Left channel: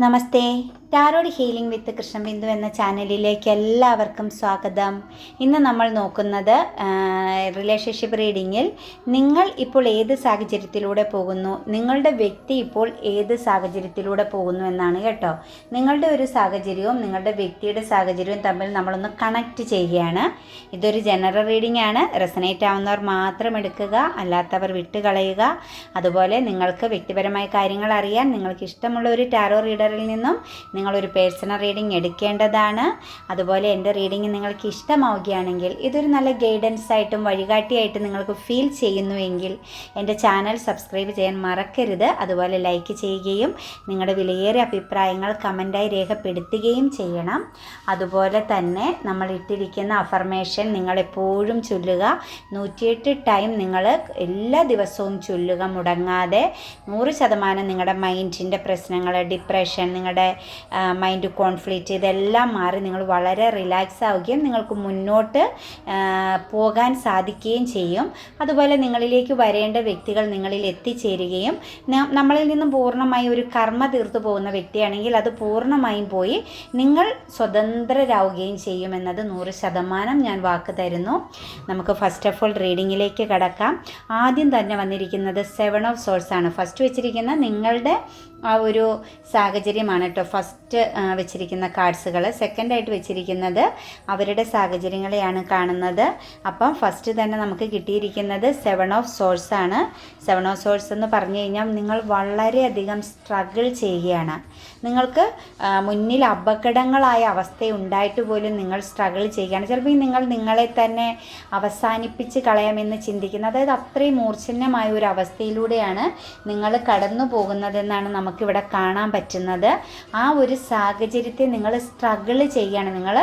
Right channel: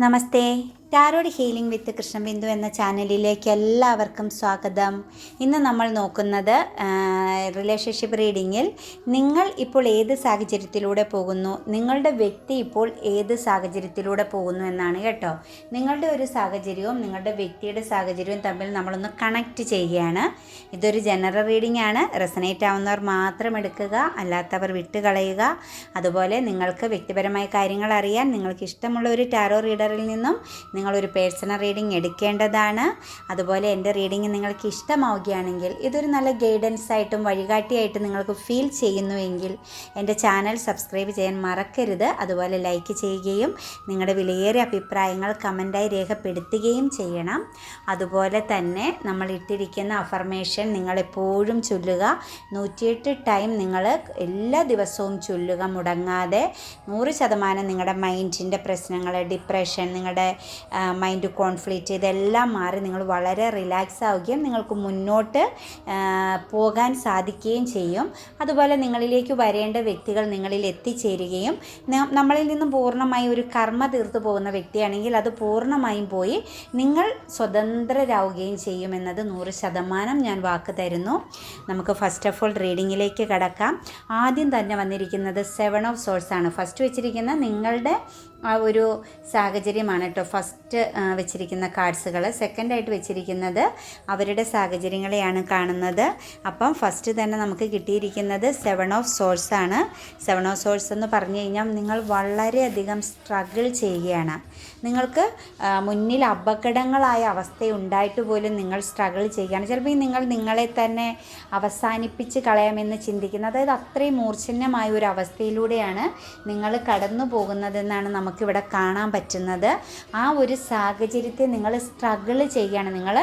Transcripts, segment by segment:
Namaste. Tarot healing with Krishnabindu എന്ന ചാനലിലേക്ക് എല്ലാവർക്കും സ്വാഗതം. ഇന്ന് നമ്മൾ നോക്കുന്നത് റിലേഷൻഷിപ്പ് റീഡിങ്ങിൽ നിങ്ങൾ ഇപ്പോൾ ഏത് സാഹചര്യത്തിലൂടെ പോകുന്നു? നിങ്ങളുടെ വ്യക്തി ഇപ്പോൾ ഏത് സാഹചര്യത്തിലൂടെ പോകുന്നു എന്നാണ് കേട്ടോ. നിങ്ങളുടെ ഒരു സാഹചര്യവും നിങ്ങളുടെ വ്യക്തിയുടെ സാഹചര്യവും തമ്മിൽ നമ്മളൊന്ന് കണക്റ്റ് ചെയ്യുകയാണ്. ഇതൊരു ജനറൽ റീഡിംഗ് ആണ്. റെസനേറ്റ് ആവുന്നവർ മാത്രം എടുക്കുക അല്ലാത്തവർ വിട്ടുകളയുക. അതുപോലെ നിങ്ങൾക്ക് വ്യക്തിപരമായ കാര്യങ്ങൾ അറിയാൻ നിങ്ങൾക്ക് ഇഷ്ടമുള്ള ഒരു ടാരോ റീഡറിൽ നിന്നും നിങ്ങളൊരു പേഴ്സണൽ റീഡിംഗ് എടുക്കേണ്ടതാണ്. അതുപോലെ എന്റെ റീഡിംഗ് നിങ്ങൾക്ക് ഇഷ്ടമാവുകയാണെങ്കിൽ ഇതൊരു നല്ല ഗൈഡൻസ് ആയിട്ടും വഴികാട്ടിയായിട്ടും നിങ്ങൾക്ക് ഫീൽ ചെയ്യുന്നുവെങ്കിൽ എന്റെ ചാനൽ സബ്സ്ക്രൈബ് ചെയ്യാൻ മറക്കരുത്. അതുപോലെ ലൈക്ക് ചെയ്യുകയും നിങ്ങളുടെ വിലയേറിയ അഭിപ്രായങ്ങൾ കമന്റായി രേഖപ്പെടുത്തുകയും ചെയ്യണം. അതുപോലെ തന്നെ നമ്മൾ ഇട്ടിരിക്കുന്ന അഫർമേഷൻ നിങ്ങളെപ്പോഴും ചൊല്ലുക. നൂറ്റിയെട്ട് ടൈം നിങ്ങൾ എല്ലാ ദിവസവും ചൊല്ലുക മുടങ്ങാതെ. നൂറ് ശതമാനം നിങ്ങളുടെ മൈൻഡിന്റെ പ്രശ്നങ്ങൾ ഡിപ്രഷൻ നിങ്ങളുടെ മൈൻഡ് കോൺഫ്ലിക്റ്റ് ഇതെല്ലാം മാറി നിങ്ങൾ വളരെ റിലാക്സ് ആവുകയും നിങ്ങൾക്ക് മുന്നോട്ട് പോകാൻ സാധിക്കുകയും ചെയ്യും. അതുപോലെ നിങ്ങളിലേക്ക് വരേണ്ട വ്യക്തികൾ നിങ്ങളിൽ എത്തിച്ചേരുകയും നമ്മളിൽ നിന്നും പൂർണമായി ഒരു കർമ്മ തീർത്തു പോകുന്ന വ്യക്തിയാണെങ്കിൽ അത് പൂർണമായും പോയി നിങ്ങൾ സ്വതന്ത്രരാവുകയും ചെയ്യും ചെയ്യുമെന്നത് നൂറ് ശതമാനം ഞാൻ വാക്ക് തരുന്നു. നമുക്ക് ഫസ്റ്റ് ഓഫ് ഓൾ റീഡിങ്ങിലേക്ക് കടക്കാം. ആദ്യം തന്നെ വന്നിരിക്കുന്നത് സെവൻ ഓഫ് സോഴ്സ് ആണ്. ഫസ്റ്റ് വെച്ചിരിക്കുന്ന നിങ്ങളുടെ ആ ഒരു സാഹചര്യമാണ് കേട്ടോ ഫസ്റ്റ് വെച്ചിരിക്കുന്ന കാർഡ്സുകൾ സെക്കൻഡായിട്ട് വെച്ചിരിക്കുന്നത് അവരുടെ സാഹചര്യങ്ങളെയാണ് കാണുന്നത്. അപ്പം ഫസ്റ്റ് തന്നെ നമുക്ക് കിട്ടിയിരിക്കുന്നത് സെവൻ ഓഫ് സോഴ്സ് ആണ്. സെവൻ ഓഫ് സോഴ്സ് എന്ന് പറഞ്ഞു കഴിഞ്ഞാൽ നിങ്ങൾ വളരെയധികം സ്ട്രഗിൾ ചെയ്യുകയാണ്. നിങ്ങൾക്ക് മുന്നിൽ അപകടങ്ങളായ അവസ്ഥ ഉണ്ടായിട്ട് പോലും നിങ്ങൾ സ്ട്രഗിൾ ചെയ്യുകയാണ്. ചിലപ്പോൾ നിങ്ങൾ നിങ്ങളെ തന്നെ അവസാനിപ്പിച്ച് കളയാമെന്ന് ചിന്തിക്കുന്നത് അതായത് അത്രയും മൂർച്ഛന്യമായ ഒരു അവസ്ഥയിലൂടെയാണ് നിങ്ങൾ കടന്നു പോകുന്നതെന്നാണ് നമുക്കിവിടെ കാണാൻ പറ്റുന്നത്. ആ ഒരു സാഹചര്യത്തെ നിങ്ങൾ സ്ട്രഗിൾ ചെയ്യുകയാണ്. നിങ്ങൾ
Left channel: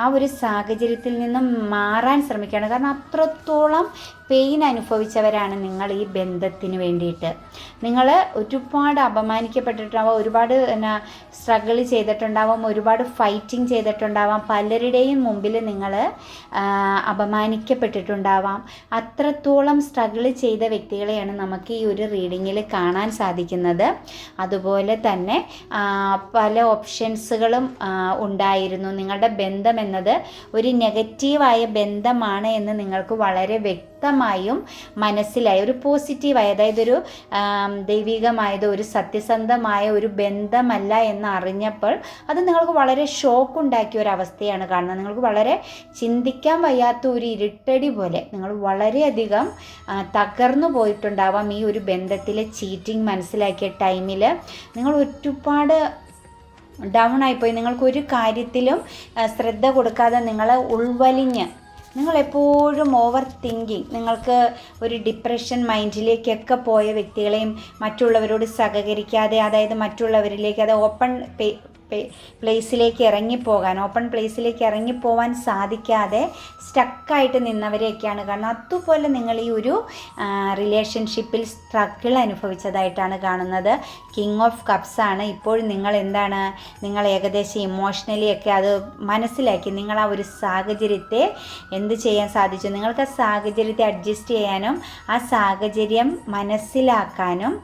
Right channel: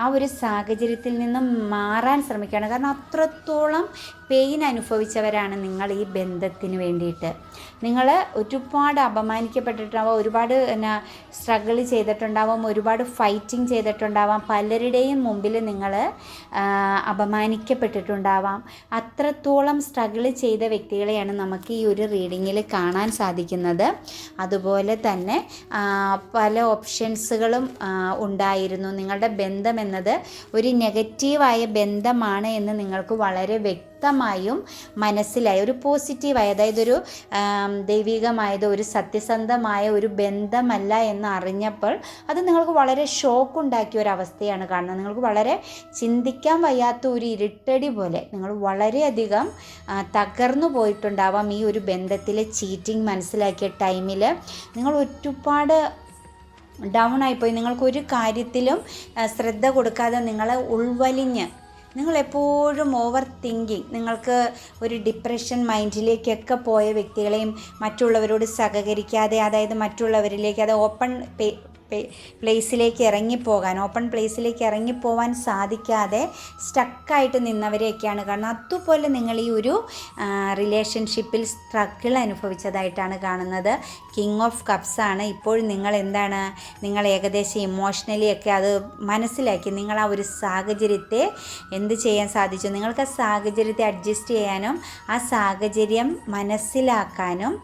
ആ ഒരു സാഹചര്യത്തിൽ നിന്നും മാറാൻ ശ്രമിക്കുകയാണ്. കാരണം അത്രത്തോളം പെയിൻ അനുഭവിച്ചവരാണ് നിങ്ങൾ ഈ ബന്ധത്തിന് വേണ്ടിയിട്ട്. നിങ്ങൾ ഒരുപാട് അപമാനിക്കപ്പെട്ടിട്ടുണ്ടാവാം ഒരുപാട് എന്നാ സ്ട്രഗിൾ ചെയ്തിട്ടുണ്ടാവാം ഒരുപാട് ഫൈറ്റിംഗ് ചെയ്തിട്ടുണ്ടാവാം. പലരുടെയും മുമ്പിൽ നിങ്ങൾ അപമാനിക്കപ്പെട്ടിട്ടുണ്ടാവാം. അത്രത്തോളം സ്ട്രഗിൾ ചെയ്ത വ്യക്തികളെയാണ് നമുക്ക് ഈ ഒരു റീഡിങ്ങിൽ കാണാൻ സാധിക്കുന്നത്. അതുപോലെ തന്നെ പല ഓപ്ഷൻസുകളും ഉണ്ടായിരുന്നു. നിങ്ങളുടെ ബന്ധം എന്നത് ഒരു നെഗറ്റീവായ ബന്ധമാണ് എന്ന് നിങ്ങൾക്ക് വളരെ വ്യക്തമായും മനസ്സിലായി. ഒരു പോസിറ്റീവായി അതായത് ഒരു ദൈവികമായത് ഒരു സത്യസന്ധമായ ഒരു ബന്ധമല്ല എന്ന് അറിഞ്ഞപ്പോൾ അത് നിങ്ങൾക്ക് വളരെ ഷോക്ക് ഉണ്ടാക്കിയ ഒരു അവസ്ഥയാണ് കാണുന്നത്. നിങ്ങൾക്ക് വളരെ ചിന്തിക്കാൻ വയ്യാത്ത ഒരു ഇരുട്ടടി പോലെ നിങ്ങൾ വളരെയധികം തകർന്നു പോയിട്ടുണ്ടാവാം ഈ ഒരു ബന്ധത്തിലെ ചീറ്റിംഗ് മനസ്സിലാക്കിയ ടൈമിൽ നിങ്ങൾ ഒരുപാട് ഡൗൺ ആയിപ്പോയി. നിങ്ങൾക്ക് ഒരു കാര്യത്തിലും ശ്രദ്ധ കൊടുക്കാതെ നിങ്ങളെ ഉൾവലിഞ്ഞ് നിങ്ങൾ എപ്പോഴും ഓവർ തിങ്കിങ് നിങ്ങൾക്ക് ഒരു ഡിപ്രഷൻ മൈൻഡിലേക്കൊക്കെ പോയ വ്യക്തികളെയും മറ്റുള്ളവരോട് സഹകരിക്കാതെ അതായത് മറ്റുള്ളവരിലേക്ക് അത് ഓപ്പൺ പ്ലേസിലേക്ക് ഇറങ്ങിപ്പോകാൻ ഓപ്പൺ പ്ലേസിലേക്ക് ഇറങ്ങിപ്പോവാൻ സാധിക്കാതെ സ്റ്റക്കായിട്ട് നിന്നവരെയൊക്കെയാണ്. കാരണം അതുപോലെ നിങ്ങൾ ഈ ഒരു റിലേഷൻഷിപ്പിൽ സ്ട്രഗിൾ അനുഭവിച്ചതായിട്ടാണ് കാണുന്നത്. കിങ് ഓഫ് കപ്സ് ആണ്. ഇപ്പോൾ നിങ്ങൾ എന്താണ് നിങ്ങൾ ഏകദേശം ഇമോഷണലി ഒക്കെ അത് മനസ്സിലാക്കി നിങ്ങൾ ആ ഒരു സാഹചര്യത്തെ എന്ത് ചെയ്യാൻ സാധിച്ചു? നിങ്ങൾക്ക് ആ സാഹചര്യത്തെ അഡ്ജസ്റ്റ് ചെയ്യാനും ആ സാഹചര്യം മനസ്സിലാക്കാനും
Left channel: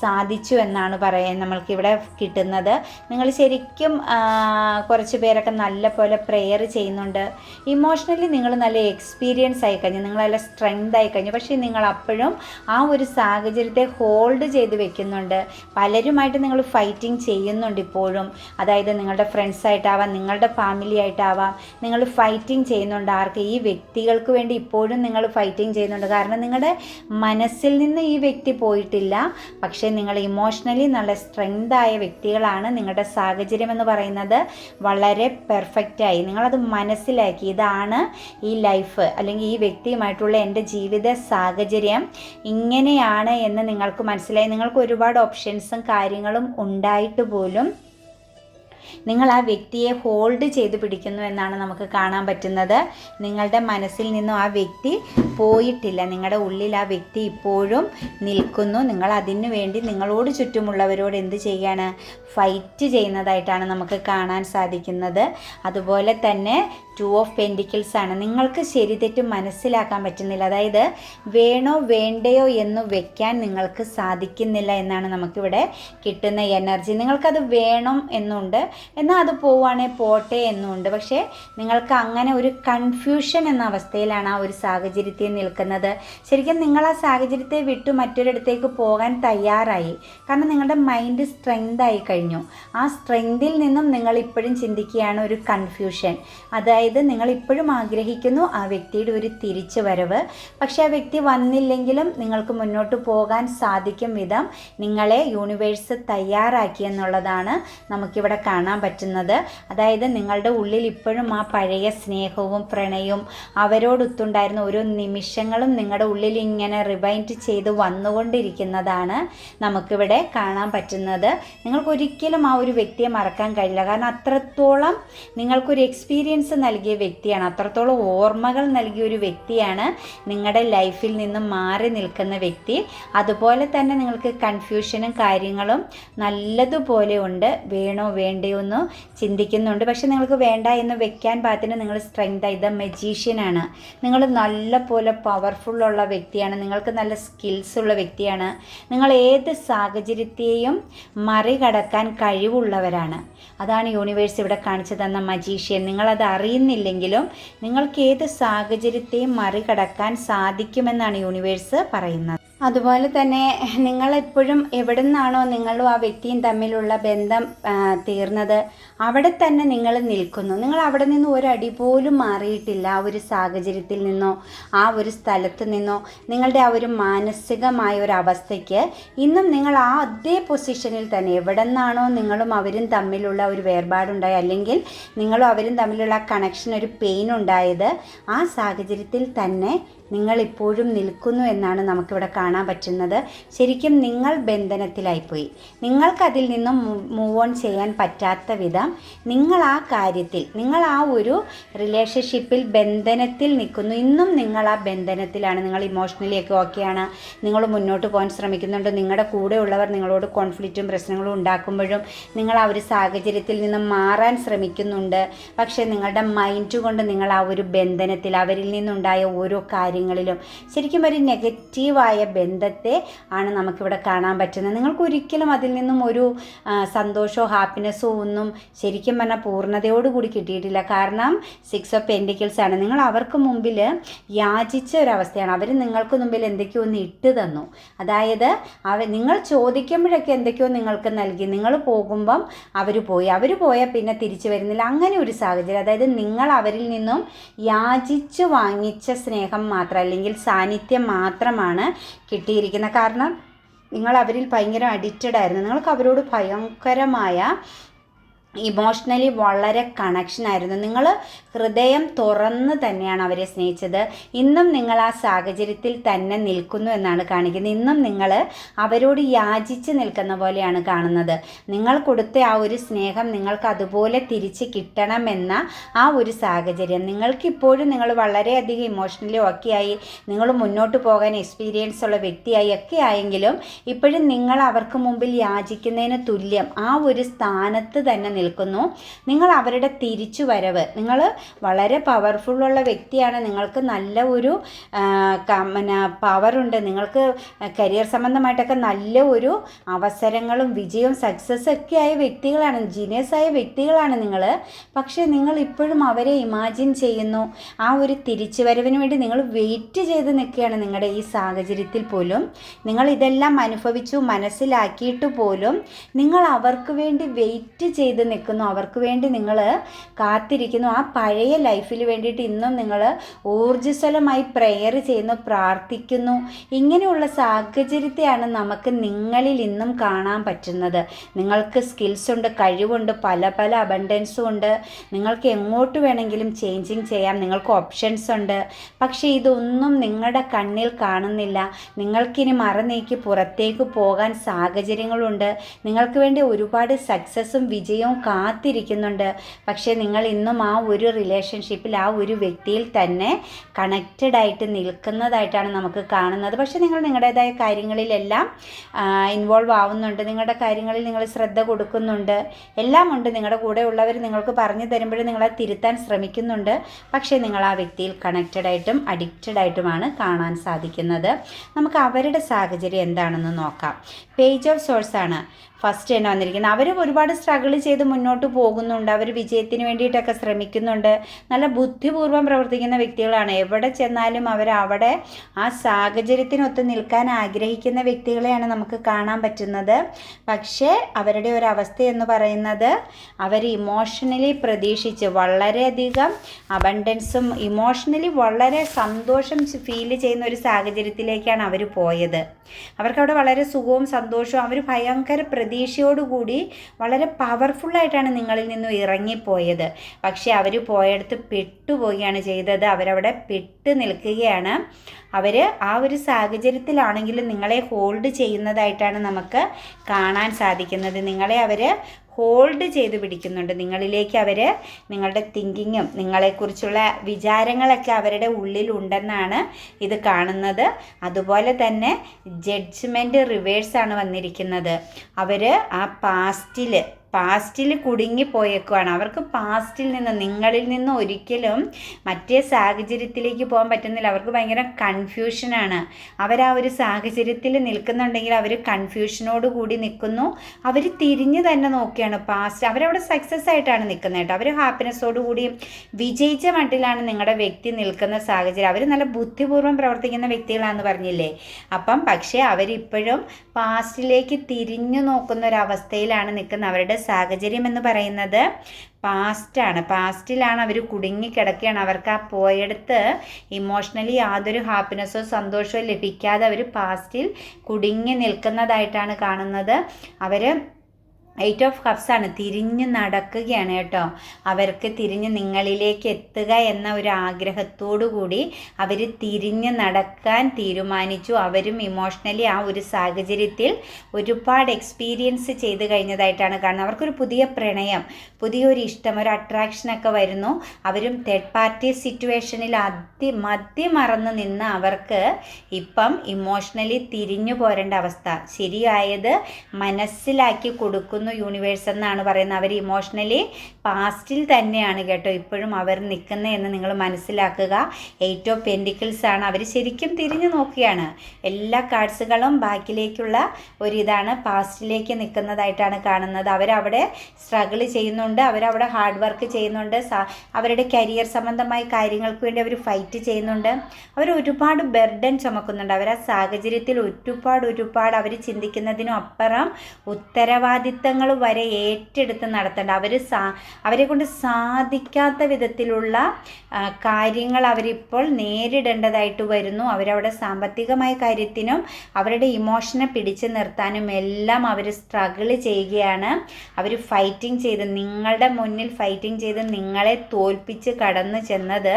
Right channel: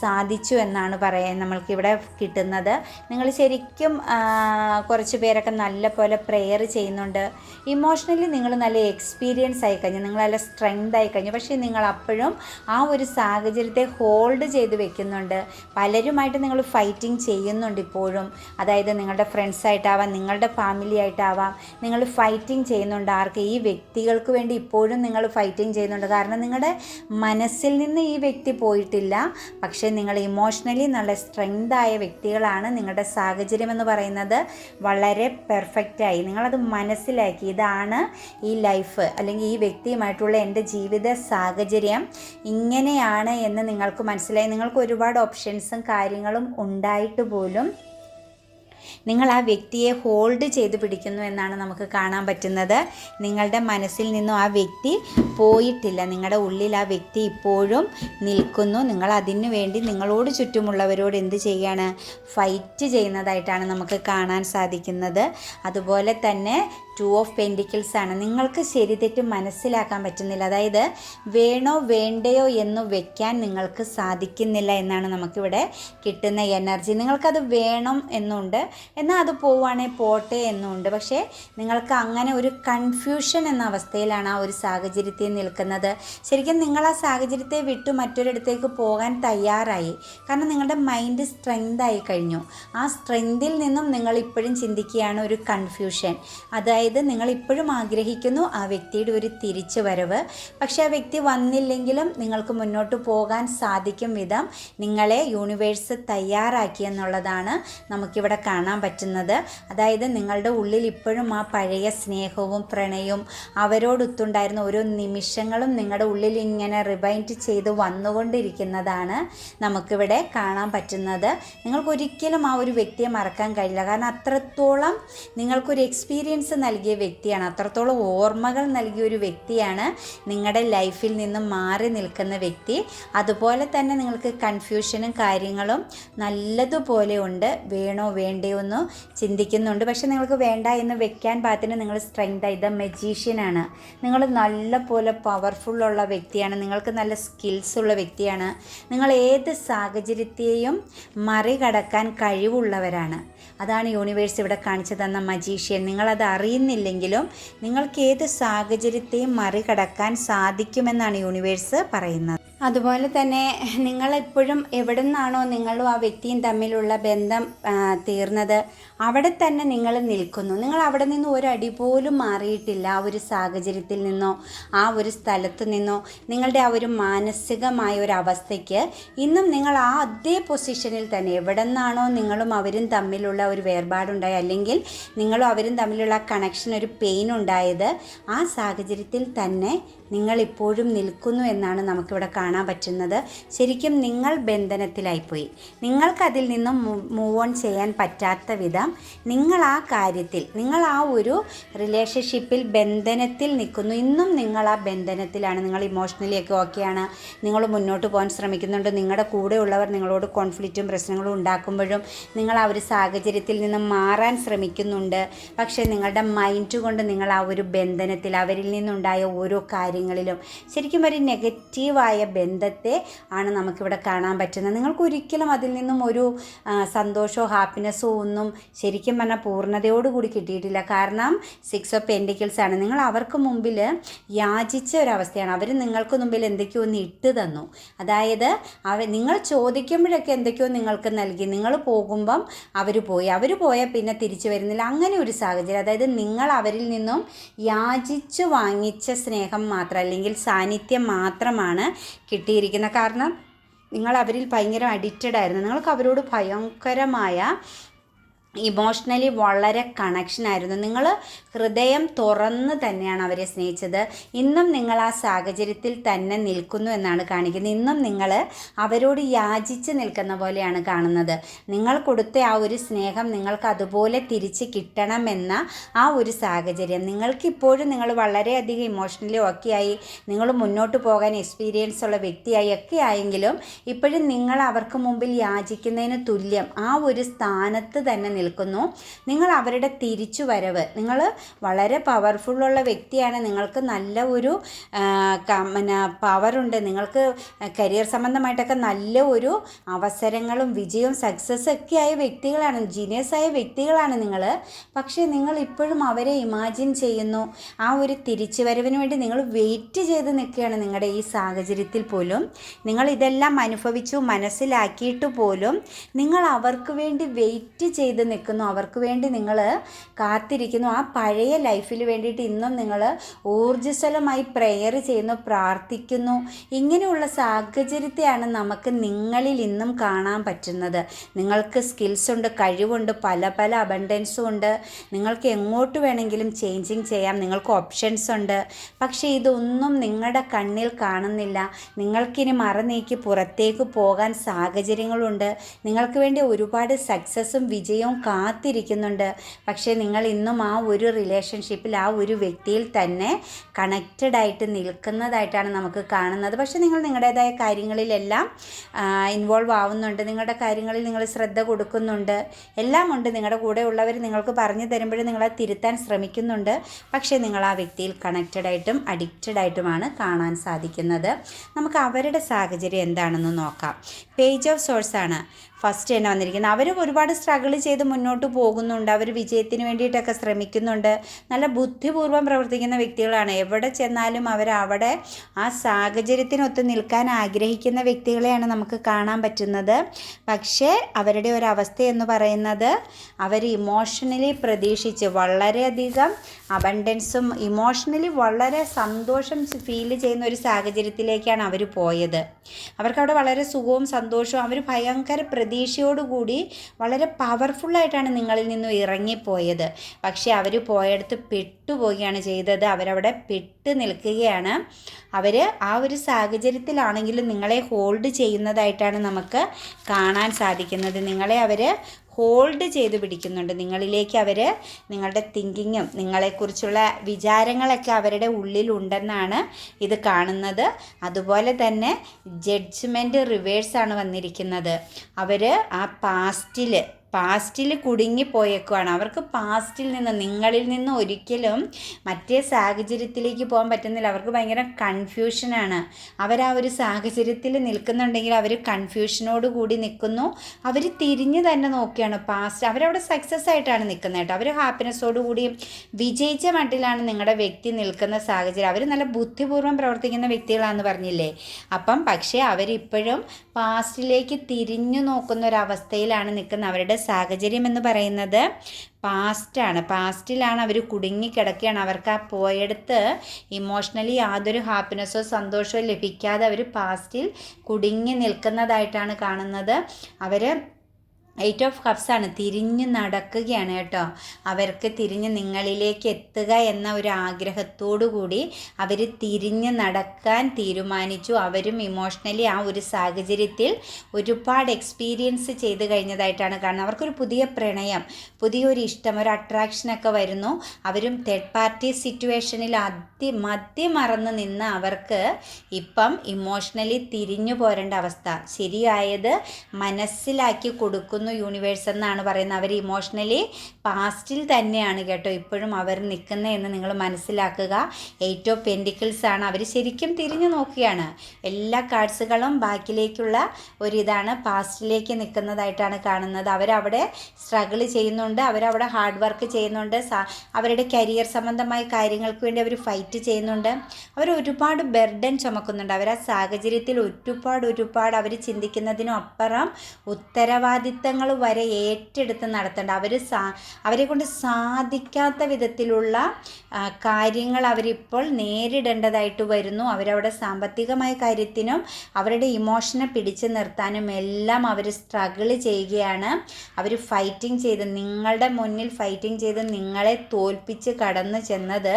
സാധിച്ചു എന്നാണ് പറയാൻ നമ്മൾക്കിവിടെ കിട്ടുന്നത്. നിങ്ങൾ ശരിക്കും ആ, കുറച്ച് പേരൊക്കെ നല്ല പോലെ പ്രെയർ ചെയ്യുന്നുണ്ട്. ഇമോഷണലി നിങ്ങൾ നല്ല എക്സ്പീരിയൻസ് ആയി കഴിഞ്ഞു. നിങ്ങൾ നല്ല സ്ട്രെങ്ത് ആയി കഴിഞ്ഞു. പക്ഷേ നിങ്ങൾ അപ്പോഴും ആ ഒരു സാഹചര്യത്തെ ഹോൾഡ് ചെയ്ത് വെക്കുന്നുണ്ട്. പലരുമായിട്ട് നിങ്ങൾ ഫൈറ്റിംഗ് ചെയ്യുന്നുണ്ട് ഇപ്പോഴും. അതായത് നിങ്ങളുടെ ഫ്രണ്ട്സ് ആയിട്ടാവാം നിങ്ങളുടെ ഫാമിലി ആയിട്ടാവാം നിങ്ങൾ ഫൈറ്റിംഗ് ചെയ്യുന്നുണ്ട്. ആർക്ക്? ഈ വ്യക്തികൾക്ക് വേണ്ടി ഇപ്പോഴും നിങ്ങൾ ഫൈറ്റിംഗ് ചെയ്യുന്നുണ്ട്. കാരണം നിങ്ങളുടെ മനസ്സിൽ നിന്ന് ഈ വ്യക്തി പോയിട്ടില്ല. പക്ഷേ നിങ്ങൾ ഇമോഷണലി നല്ല സ്ട്രെങ്ത് ആയ വ്യക്തികളാണ് നിങ്ങളുടെ സാഹചര്യം എന്ന് പറയുന്നത് വളരെ പെർഫെക്റ്റായി നിങ്ങളത് മനസ്സിലാക്കി. ഇതാണ് ഈ ലൈഫ് അല്ലെങ്കിൽ ഈ വ്യക്തിയുമായിട്ടുള്ള എന്റെ ജീവിത സാഹചര്യം. ഇങ്ങനെയാണ് എന്ന് നിങ്ങൾക്ക് മനസ്സിലായി. നിങ്ങൾക്ക് ഒരുപാട് ഓപ്ഷൻസും കാര്യങ്ങളും ഉണ്ടായിട്ട് പോലും നിങ്ങൾ ആ വ്യക്തിയെ ഹോൾഡ് ചെയ്ത് പിടിക്കുന്നു എന്നാണ് നമുക്ക് കാണാൻ പറ്റുന്നത്. നിങ്ങളുടെ മനസ്സിൽ നിന്നും ആ വ്യക്തി പോയിട്ടില്ല. നിങ്ങളുടെ ഉള്ളിൽ ആ വ്യക്തി ഇപ്പോഴും നിൽക്കുന്നു. നിങ്ങൾ അതിനു വേണ്ടി നിങ്ങളോട് ചുറ്റുമുള്ളവരോട് എന്ത് ചെയ്യാണ്? ഫൈറ്റ് ചെയ്യുന്നതായിട്ടാണ് നമുക്ക് കാണാൻ സാധിക്കുന്നത്. അതുപോലെ തന്നെ ടു ഓഫ് പെൻഡിക്കിൾസ് ആണ്. നിങ്ങൾക്ക് ശരി തെറ്റ് മനസ്സിലാക്കാൻ പറ്റുന്നില്ല. അതായത് വേണോ വേണ്ടയോ എന്ന് വെക്കാൻ നിങ്ങൾക്ക് സാധിക്കുന്നില്ല എന്നാണ് നമുക്കിവിടെ കിട്ടുന്ന എനർജി നിങ്ങൾക്കത് വേണം എന്നുണ്ട്. എന്നാൽ അത് പോവുകയാണെങ്കിൽ പോട്ടെ എന്നുണ്ട്. പക്ഷേ നിങ്ങൾക്ക് അങ്ങനെ ഒരു കൺഫ്യൂഷൻ എന്ന അവസ്ഥയിലാണ് ആ ഒരു സാഹചര്യത്തിൽ നിൽക്കുന്നത്. ശരിക്കും നിങ്ങൾ ആ സാഹചര്യത്തെ വിട്ടു മറ്റൊരിടത്തേക്ക് പോകാൻ തയ്യാറായി. കാരണം നിങ്ങളുടെ മൈൻഡ് സ്ട്രെങ്ത് ആയി കഴിഞ്ഞു. ആ സ്ട്രെങ്തിൽ നിന്നും നിങ്ങൾ ഇപ്പോഴും ചിന്തിക്കുകയാണ് ഒരു കൺഫ്യൂഷൻ അതായത് നിങ്ങൾ ഇപ്പോഴും ആഗ്രഹിക്കുന്നു ആ വ്യക്തിയുടെ ഒരു തിരിച്ചു വരവ് പക്ഷേ ആ വ്യക്തി വന്നില്ലെങ്കിലും നിങ്ങൾക്ക് മുന്നോട്ട് പോകാൻ സാധിക്കും വിധം നിങ്ങളെ യൂണിവേഴ്സ് തയ്യാറാക്കി എന്നുള്ളതാണ് നമുക്കിവിടെ കാണാൻ പറ്റുന്നത്. അതായത് നിങ്ങളുടെ ഉള്ളിൽ ഇപ്പോഴും ആ പഴയ സ്നേഹവും പ്രണയവും അവരോടൊത്തുണ്ടായിരുന്ന ഓരോ നിമിഷങ്ങളും നിങ്ങളുടെ ഉള്ളിൽ ഇങ്ങനെ റിവൈൻഡ് ചെയ്ത് വന്നുകൊണ്ടിരിക്കുന്നതാണ് നമുക്കിവിടെ കാണാൻ പറ്റുന്നത്. നിങ്ങൾക്ക് ഒരിക്കലും ആ ഒരു വ്യക്തിയെ മറക്കാൻ കഴിയില്ല. കാരണം അത്രത്തോളം നിങ്ങൾക്കൊരു എക്സ്പീരിയൻസ് നൽകിയ വ്യക്തിയാണ്. അത്രത്തോളം ഓർമ്മകൾ നൽകിയ ഒരു വ്യക്തിയാണ് നിങ്ങളുടെ ലൈഫിൽ നിന്ന് മാറി നിൽക്കുന്ന വ്യക്തി. അതുപോലെ തന്നെ നിങ്ങൾക്ക് കൺഫ്യൂഷനും കാര്യങ്ങളും നല്ലതുപോലെ ഉണ്ട്. വേണോ വേണ്ടയോ എന്ന് ചിന്തിക്കുന്നുണ്ട്. പക്ഷെ നിങ്ങൾക്ക് വേണ്ട എന്ന് വെക്കാൻ പാകത്തിന് നിങ്ങൾ സ്ട്രെങ്ത് ആയി. ദ മെജീഷ്യനാണ് നിങ്ങൾ നല്ല പോലെ പവർഫുള്ളുള്ള വ്യക്തിയാണ്. നിങ്ങൾക്ക് നല്ല സ്കിൽസ് ഉള്ള വ്യക്തിയാണ്. നിങ്ങൾ ഏത് സാഹചര്യത്തെയും മറികടക്കാൻ കഴിവുള്ളവരാണ്. അതാണ് യൂണിവേഴ്സ് ഇവിടെ കാണിച്ചു തന്ന മജീഷ്യൻ നിങ്ങളത് അറിയുന്നില്ലെങ്കിലും നിങ്ങൾക്ക് ഏത് സാഹചര്യത്തെയും മറികടക്കാൻ സാധിക്കുമെന്നാണ് യൂണിവേഴ്സ് പറയുന്നത്. അതുപോലെ തന്നെ നിങ്ങളെപ്പോഴും എവിടെ നിന്നാണോ നിങ്ങളും ആ വ്യക്തിയും തമ്മിലുള്ള ബന്ധം തീർന്നത് അവിടെ തന്നെ നിങ്ങൾ നിൽക്കുന്നു. നിങ്ങൾ അവിടെ നിന്ന് ഒരടി പോലും മാറിയിട്ടില്ല. ആ ഒരു സാഹചര്യത്തിൽ നിന്നോ ആ ഒരു സ്ഥലത്ത് നിന്നോ നിങ്ങളുടെ ആ ഒരു മാനസികമായ ഒരു അവസ്ഥയ്ക്ക് ഇന്നും നിങ്ങൾ ആ അതേ പൊസിഷനിൽ തന്നെ എവിടെ നിന്നാണോ നിങ്ങളും അവരും തമ്മിലുള്ള ഒരു വേർപാടുണ്ടായി. അല്ലെങ്കിൽ നിങ്ങളും അവരും തമ്മിലുള്ള കണക്ഷൻ ഒരു പെയിൻ ഉണ്ടായത് ആ സാഹചര്യത്തിൽ തന്നെ നിങ്ങൾ ഇപ്പോഴും നിൽക്കുന്നു എന്നാണ് നമുക്കിവിടെ കാണാൻ പറ്റുന്നത്. ശരിക്കും നിങ്ങൾ ബന്ധനത്തിലായിപ്പോയി. നിങ്ങൾക്കതിൽ നിന്നും മൂവ് ഓൺ ചെയ്യാൻ പറ്റാത്ത വിധം നിങ്ങൾ ആ കാര്യത്തിൽ നിങ്ങൾ ആ ഒരു റിലേഷൻഷിപ്പിൽ ബന്ധനത്തിൽ നിൽക്കുന്നു. ഇന്നും നിങ്ങൾ ആ ബന്ധനത്തിലാണ്. നിങ്ങൾ ഇമോഷണലി ഒക്കെ ഓക്കെയാണ് നിങ്ങൾ മുന്നോട്ട് പോകാൻ ശ്രമിക്കുന്നുണ്ട്. നിങ്ങളുടെ കൂടെയുള്ളവർ നിങ്ങളോട് കോൺഫ്ലിക്റ്റും പ്രശ്നങ്ങളും ഉണ്ടാക്കുമ്പോഴും നിങ്ങൾ ആ ഒരു സാഹചര്യത്തിൽ നിന്ന് മാറാൻ ശ്രമിക്കുന്നുണ്ട്. പക്ഷേ നിങ്ങളുടെ മൈൻഡ് കൊണ്ട് നിങ്ങൾ ആ ഒരു ബന്ധനത്തിൽ അവരിൽ നിന്നുണ്ടായ ഓരോ കാര്യങ്ങളിലും ശരിക്കും ഒരു നെഗറ്റീവായ ബന്ധത്തെ ആണ് നമുക്കിവിടെ കാണാൻ പറ്റുന്നത്. നിങ്ങൾക്ക് ഒരിക്കലും അതിൽ നിന്നും ഒരു സന്തോഷമോ ഹാപ്പിനെസ്സോ ഒന്നും ശരിക്കും പറഞ്ഞാൽ പൂർണതയോടുകൂടി കിട്ടിയിട്ടില്ല. കാരണം സിക്സ് ഓഫ് പെൻഡിക്കിൾസ് ആണ്. നിങ്ങൾ അവർക്ക് മുമ്പിൽ യാചിച്ച ഒരവസ്ഥയാണ് അവർ നിങ്ങൾക്ക് മുമ്പിൽ എന്തൊക്കെയോ ഒന്ന് ഇട്ട് തന്നു. അതായത് അവ നിങ്ങൾ ചോദിക്കുമ്പോഴൊക്കെ എന്തൊക്കെയോ നിങ്ങൾക്ക് നൽകി. നിങ്ങൾ പോകുമ്പം അവർ പോയി. അവർ പോയാൽ പിന്നെ തിരിച്ചു വരുന്നില്ല. അങ്ങനെ ഒരു സാഹചര്യം. അതായത് നിങ്ങൾ അവരിൽ നിന്നും യാചിച്ചു വാങ്ങിച്ച സ്നേഹം മാത്രം അല്ലെങ്കിൽ സാന്നിധ്യം മാത്രമാണ് കിട്ടിയിരിക്കുന്നത്. കാരണം നിങ്ങൾ അവരിൽ ഭയങ്കര അഡിക്റ്റഡ് ആയിരുന്നു. നിങ്ങൾക്ക് അവരോട് ഭയങ്കരമായ ഇമോഷണലി വളരെ കണക്ഷൻ ആയിരുന്നു. നിങ്ങൾ ഹൃദയം തുറന്ന് തന്നെയാണ് അവരെ സ്നേഹിച്ചത്. ഇന്നും നിങ്ങൾ ആ സാഹചര്യത്തിൽ തന്നെ നിൽക്കുന്നു എന്നാണ് കാണിക്കുന്നത്. ഇന്നും നിങ്ങൾ അവരോട് യാചിച്ച് നിൽക്കുന്ന പോലെയാണ് കാണുന്നത്. നിങ്ങൾ കൊടുത്ത ആ ഒരു സ്നേഹം നിങ്ങൾക്ക് അതുപോലെ തിരിച്ച് കിട്ടണമെന്ന ആ ഒരു സാഹചര്യം. നിങ്ങൾക്കിപ്പോഴും നിങ്ങൾ വളരെയധികം ഇമോഷണലി ഒക്കെ ആയി നിങ്ങൾ മുന്നോട്ട് പോകാൻ എക്സ്പീരിയൻസ് ഉള്ള വ്യക്തിയായി ഒക്കെ ആയെങ്കിലും ഇപ്പോഴും നിങ്ങൾ അവർക്ക് മുമ്പിൽ യാചിക്കുന്നതിന് തുല്യം ആ ഒരു സ്ഥാനത്ത് തന്നെ നിൽക്കുന്നു. നിങ്ങൾ അവരുടെ തിരിച്ചു വരവ്. നിങ്ങൾ വളരെ പവർഫുള്ളുള്ള വ്യക്തിയാണ്. നിങ്ങൾക്ക് നല്ല ഒരു പിന്നെ പവറുണ്ട് നിങ്ങൾക്ക് കരിയർ സംബന്ധമായിട്ടൊക്കെ നല്ല ഒരു അവസരങ്ങളും വിജയവും സക്സസ് ഒക്കെ ആയ വ്യക്തികളാണ്. ജീനിയസ് ആയ വ്യക്തികളാണ് നിങ്ങൾ. പക്ഷേ നിങ്ങൾ ഇപ്പോഴും അവരെ ഇമാജിൻ ചെയ്യുന്നു. ആ ഒരു തിരിച്ചു വരവിന് വേണ്ടി നിങ്ങൾ വെയിറ്റ് ചെയ്ത് നിൽക്കുകയാണ് നിങ്ങളുടെ ഈ സാഹചര്യത്തിൽ പോലും. നിങ്ങൾ ഇതെല്ലാം അനുഭവിച്ചു മനസ്സിലാക്കിയിട്ട് പോലും നിങ്ങൾ അവർക്ക് വേണ്ടി വെയിറ്റ് ചെയ്ത് നിൽക്കുന്നു. അവർക്ക് വേണ്ടി നിങ്ങൾ കാത്തിരിക്കുന്നു. ആ പഴയ ലൈഫിൽ വേണ്ടിയിട്ട് ഇന്നും നിങ്ങൾ ഊർജസ്വലമായി പ്രെയർ ചെയ്യുന്നു പ്രാർത്ഥിക്കുന്നു. ഇങ്ങനെയുള്ള സാഹചര്യത്തെയാണ് നമുക്ക് നിങ്ങളിൽ ഇന്നും കാണാൻ പറ്റുന്നത്. നിങ്ങൾക്ക് സ്കിൽസ് ഉണ്ട് കഴിവുണ്ട് പല പല അബണ്ടൻസും ഉണ്ട്. നിങ്ങൾക്ക് എങ്ങോട്ട് വേണമെങ്കിലും ചേഞ്ചിങ് ചെയ്യാം. നിങ്ങൾക്ക് ഓപ്ഷൻസ് ഉണ്ട്. പക്ഷേ ഇതൊന്നും നിങ്ങളുടെ കണ്ണിൽ കാണുന്നില്ല. നിങ്ങൾക്കിനി മറനീക്കി പുറത്തേക്ക് പോകാൻ സാഹചര്യങ്ങളുണ്ട്. നിങ്ങൾക്ക് വേണ്ടി ഒരുപാട് സക്സസ്സും വിജയവും കാത്തിരിക്കുന്നുണ്ട്. പക്ഷേ നിങ്ങൾ ഇന്നും ആ ഒരു റിലേഷൻഷിപ്പിൽ ആ ഒരു വ്യക്തിയിൽ തന്നെ കണക്റ്റഡ് ആയിട്ട് നിൽക്കുന്നതായിട്ടാണ് നമുക്ക് കാണുന്നത്. പക്ഷേ നിങ്ങൾ നിങ്ങളുടേതായ കാര്യങ്ങളിലെല്ലാം ഇൻവോൾവ് ആവുന്നുണ്ട്. നിങ്ങളുടെ കാര്യങ്ങളിൽ നിങ്ങൾ ശ്രദ്ധ കൊടുക്കുന്നുണ്ട്. എല്ലാം ഉണ്ട്. നിങ്ങളുടെ കൂടെ ഉള്ളവർ നിങ്ങൾക്ക് പറഞ്ഞു തരുമ്പോഴും നിങ്ങളെ തിരുത്താൻ ശ്രമിക്കുന്നുണ്ട്. പക്ഷേ നിങ്ങൾ ആ വ്യക്തിയിൽ കണക്റ്റഡ് ആയിട്ടും അഡിക്റ്റഡ് ആയിട്ടുമാണ് കാണാൻ സാധിക്കുന്നത്. നമുക്ക് അവരുടെ സാഹചര്യം എന്താണെന്ന് നോക്കാം. പേജ് ഓഫ് സോഴ്സ് ആണ്. ഫസ്റ്റ് തന്നെ വന്നിരിക്കുന്നത്. അവർ ഒരുപാട് സ്ട്രഗിൾ ചെയ്ത് മുന്നോട്ട് പോകുന്നുണ്ട്. അവർ വിജയത്തിന് വേണ്ടിയിട്ടൊക്കെ ശ്രമിക്കുന്നുണ്ട്. നല്ല ബുദ്ധിപൂർവം പ്രവർത്തിക്കുന്ന വ്യക്തികളാണ്. എവിടെ ചെന്നാലും അവർ അവിടെ ആ സാഹചര്യത്തിനൊത്ത് നിൽക്കാൻ ആഗ്രഹിക്കുന്ന വ്യക്തികളെയാണ് നമുക്ക് കാണാൻ പറ്റുന്നത്. പക്ഷേ അവരുടെ ഒരു അവസ്ഥ എന്ന് പറയുന്നത് അവർ ഇമോഷണലി പ്രതീക്ഷിച്ച് വളരെയധികം അബണ്ടൻസും ഇമോഷണലി വളരെ സന്തോഷം ഫീൽ ചെയ്യുന്ന ഒരു സാഹചര്യത്തിലേക്കാണ് അവർ പോയത്. അവർക്കവിടെ വളരെ സുഖവും സന്തോഷവും അവർ ഭയങ്കര പ്രതീക്ഷയോടുകൂടി വളരെ പവർഫുള്ളായിട്ടാണ് നിങ്ങളിൽ നിന്നും ഇറങ്ങിപ്പോയത്. പക്ഷേ അവർ പോയടുത്ത് പെട്ടുപോവുകയാണ് ചെയ്തത്. അവരവിടെ പെട്ട് നിൽക്കുകയാണ്. അവർ ആ ഒരു സാഹചര്യത്തിലാണെങ്കിലും നിങ്ങളെ ഹോൾഡ് ചെയ്യുന്നതായിട്ടാണ് നമുക്ക് കാണാൻ സാധിക്കുന്നത്. നിങ്ങളെ അവർ ഹോൾഡ് ചെയ്ത് പിടിക്കുന്നുണ്ട്. നിങ്ങളിലേക്ക് അവർ നിങ്ങളുടെ തിങ്കിങ്ങും നിങ്ങളെക്കുറിച്ചുള്ള വിചാരങ്ങളൊക്കെ അവരുടെ ഉള്ളിലുണ്ടെന്നാണ് ഇത് കാണുന്നത്. അതുപോലെ തന്നെ ജഡ്ജ്മെന്റ് റിവേഴ്സാണ് വന്നിരിക്കുന്നത്. അവർ ആ പാസ്റ്റിൽ പാസ്റ്റിൽ കുടുങ്ങിപ്പോയേക്കുവാണ്. അവർക്ക് പാസ്റ്റിൽ നിന്ന് നിങ്ങളിൽ നിന്ന് ഒരിക്കലും മറ്റേ സാഹചര്യത്തിലേക്ക് പോകാൻ പറ്റുന്നില്ല. അവർക്ക് ഭയങ്കര കൺഫ്യൂഷനാണ്. അവർ ആ ഒരു സാഹചര്യത്തിൽ നിൽക്കുന്നുണ്ടെങ്കിൽ അവർ കൺഫ്യൂഷനോട് കൂടി നിൽക്കുന്നു. അവർ തിരിഞ്ഞ് തന്നെ നോക്കിയാണ് പാസ്റ്റ്. അവരവിടെ സക്സസ് ആയിട്ടാണ് നിൽക്കുന്നത് കേട്ടോ. അവർ ഹാപ്പിനെസ്സോട് കൂടി വിജയിച്ച മട്ടിലാണ് നിങ്ങളുടെ വ്യക്തി നിൽക്കുന്ന സാഹചര്യം. അവർ നല്ല ബുദ്ധിപൂർവം പ്രവർത്തിക്കുന്ന വ്യക്തികളാണെന്ന് പറഞ്ഞില്ലേ? അപ്പം പക്ഷേ അവരിപ്പോഴും പാസ്റ്റിലേക്ക് തിരിഞ്ഞു നോക്കുന്ന ഒരു അവസ്ഥയിലാണ് നിൽക്കുന്നത്. അവരുടെ സാഹചര്യം എന്ന് പറയുന്നത് പാസ്റ്റാണ് പാസ്റ്റിലാണ് അവർ കുടുങ്ങിക്കിടക്കുകയാണ് അവർക്ക് ആ പോയടുത്ത് ഇമോഷണലി യാതൊരു ഹാപ്പിനെസ്സോ സന്തോഷമോ ലഭിക്കാതെ അവർ പാസ്റ്റിൽ കുടുങ്ങി നിൽക്കുന്നതായിട്ടാണ് കാണുന്നത്. അവർ എയ്റ്റ് ഓഫ് കപ്സ് ആണ്. തിരിഞ്ഞ് നടക്കുകയാണ് കേട്ടോ. അവർക്ക് തിരിഞ്ഞ് നിങ്ങളിലേക്ക് എത്തുക എന്ന ഒരു ആഗ്രഹത്തോടു കൂടി അവർ തിരിഞ്ഞ് നടക്കാൻ തീരുമാനിച്ചു. അവരും ഇമോഷണലി ആ ഒരു സാഹചര്യത്തിൽ ഒരുപാട് എക്സ്പീരിയൻസ് ചെയ്ത് കഴിഞ്ഞതായിട്ടാണ് കാരണം അവർക്കൊരു പുതിയ പ്രണയം പുതിയൊരു ഇഷ്ടം ഒരു അട്രാക്ഷനൊക്കെ വരുന്നു. അവരും തേർഡ് പാർട്ടി സിറ്റുവേഷനിൽ അതി മദ്യമറന്ന് നിന്ന് അവർക്ക് ഇപ്പം ഇമോഷണലി തിരിഞ്ഞു പോരേണ്ട അവസ്ഥ. ശരിയായത് മനസ്സിലാക്കി കൊടുക്കുന്നു യൂണിവേഴ്സ് എന്നാണ് പറയുന്നത്. അവർ ഇമോഷണലി പാസ്റ്റിൽ തന്നെയാണ് കേട്ടോ ഇപ്പോഴും അവർ നിൽക്കുന്നത് എന്ന് നിങ്ങൾ മനസ്സിലാക്കുക. എയ്റ്റ് ഓഫ് പെൻഡിക്കിൾസ് ആണ്. അവർ ശരിക്കും തിരിഞ്ഞു നോക്കുകയാണ്. എല്ലാ കാർഡ്സുകളും ബാക്കിലേക്കുള്ള ഒരിതാണ് പാസ്റ്റിലേക്ക് നിൽക്കുന്നതായിട്ടാണ് കാണുന്നത്. അവരവിടെ സ്ട്രഗിൾ ചെയ്യുന്നുണ്ട്. അവരവിടെ ഹാർഡ് വർക്ക് ചെയ്യുന്നുണ്ട്. അവരുടെ കരിയർ സംബന്ധമായ കാര്യങ്ങൾക്ക് വേണ്ടി അവർ ഫൈറ്റ് ചെയ്യുന്നുണ്ട്. അവർ ഒരുപാട് ബെർഡൻ ചുമക്കുന്നുണ്ട്. അവർ ആ സാഹചര്യത്തിൽ ഒരുപാട് ഒരുപാട് അവർ ചിന്തിക്കുന്നതിനും അപ്പുറം ഉത്തരവാദിത്തങ്ങൾ വരെ ഏറ്റെടുത്ത് നടത്തേണ്ട. അവർ സാ അവരെ കൊണ്ട് സാധിക്കാത്ത വിധത്തിലുള്ള കാര്യങ്ങൾ അവരിപ്പോൾ നേരിടേണ്ടതായിട്ട് വരുന്നു. അവരവിടെ സാമ്പത്തികമായ കാര്യത്തിനും അവരുടെ ഇമോഷനെ പിടിച്ചു നിർത്താനും എല്ലാം അവർ സ്ട്രഗിൾ ചെയ്യുകയാണ്. അവർ ഫൈറ്റിംഗ് ചെയ്ത് നിങ്ങളുടെ മുന്നിൽ ഫൈറ്റിംഗ് ചെയ്ത് നിങ്ങളെ തോൽപ്പിച്ച് കടന്നു ചെന്നത്